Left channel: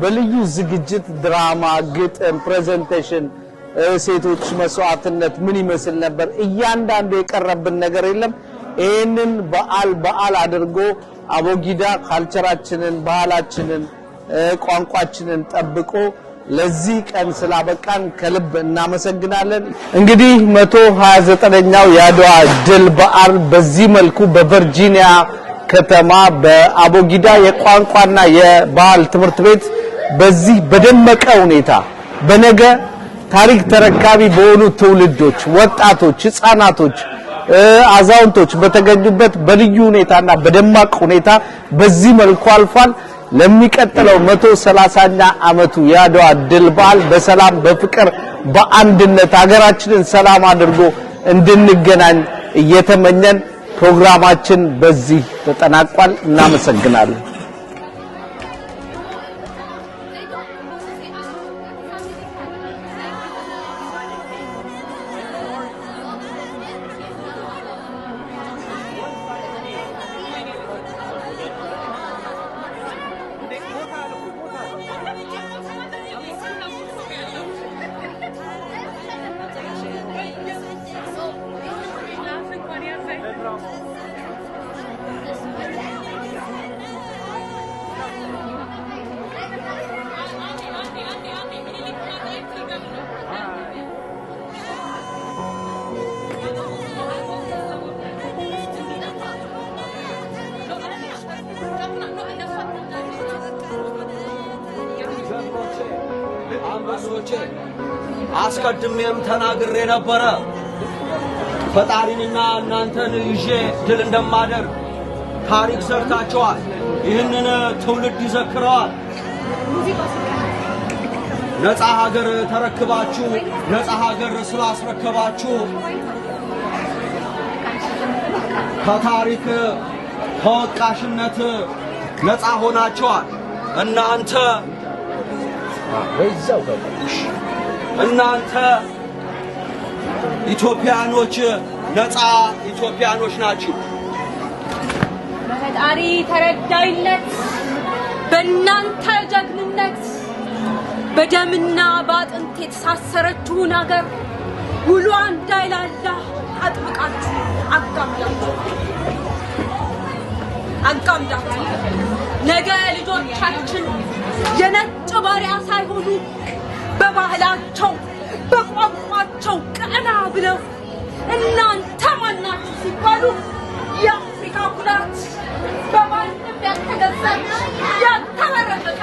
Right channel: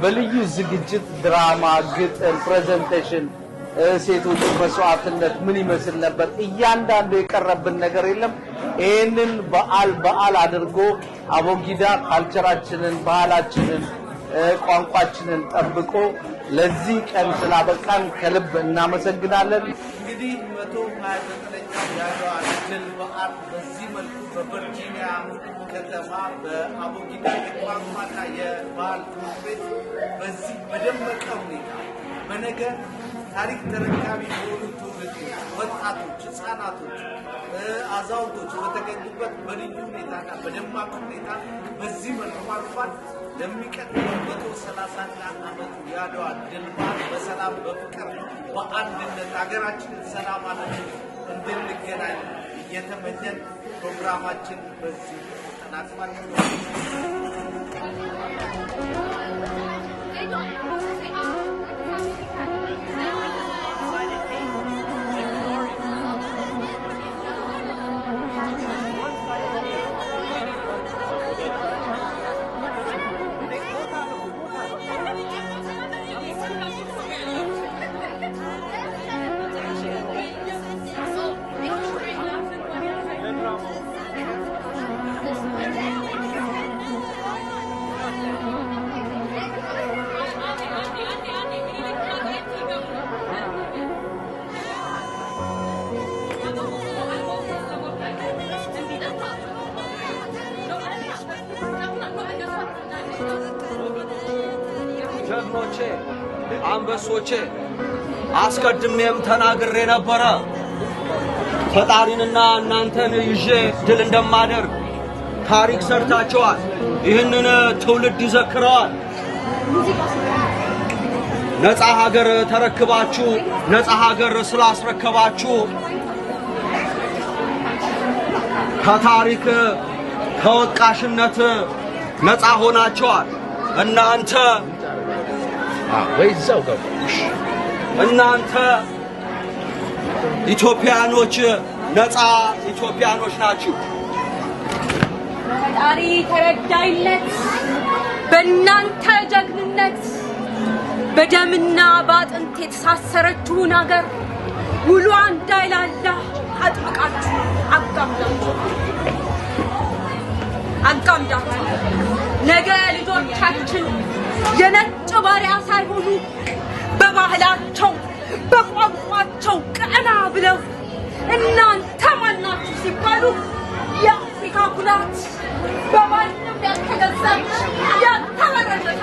በልዩ ዝግጅት ድራማ ግጥም ፕሬዘንቴሽን ሴቶች መስዋዕትነት ምን ይመስል ነበር እያንዳንዱ የቀረብን ነገር የለም ይሄንን በዓል አድርጎ አቦጊዳ ካልቸራችንን ባህላችንን ቋንቋችንን ጠብቆ ለዚህ ቀን ስላበቃን ከልብ እናመሰግናለን እንግዲህ 129ኛው ያድዋ ድል በዓል በዚህ መልኩ በቨርጂኒያ ከተማ በአቦጊዳ የቋንቋና የባህል ትምህርት ቤት በዚህ በደመቀ ሁኔታ በነገ ታሪክ ተረካቢ በሆኑ ትውልዶች ወጣቶች ህፃናቶች አዛውንቶች በተገኙበት በልዩ ሁኔታና በደማቅ ሁኔታ በዚህ መልኩ አልፏል ለሚቀጥለው 130ኛ አመቱ ያድዋ ድል በዓል በሰላም በፍቅር በአንድነት ሀገራችንን ሰላም አድርጎ እንድንገናኝ እየተመኘን ፕሮግራማችን በዚህ ተጠናቋል እናመሰግናለን አንበሶቼ አስቀድሜም ተናግሬ ነበር ፈጣሪንና እናንተን ይዤ ድል እንደማደርግ ታሪክ ሰርታችኋል ይህንን ትውልድ ይዘክረዋል ነፃ ሀገር ተረክባችሁ ነፃ ሀገር ስላስረከባችሁ ከታሪክ ከወቃሽነት ነፃ ሆናችኋል እናንተ እናንተ ኢትዮጵያኖች ነፃ ኢትዮጵያኖች ናችሁ ፈጣሪ ተረዳይነት በእናንተ ጀግንነት በደምና ባጥንት የተሳሰረችውን ሀገር ውሏ እንዳይላላ አጥብቃችሁ አጋምዳችሁ ነገ ልጆቻችን የነጭ ባሪያ ሳይሆኑ በባህላቸው በቋንቋቸው ቀና ብለው እናንተ ማናችሁ ሲባሉ የአፍሪካ ኩራት በማንም ያልተገዛች ያልተወረደች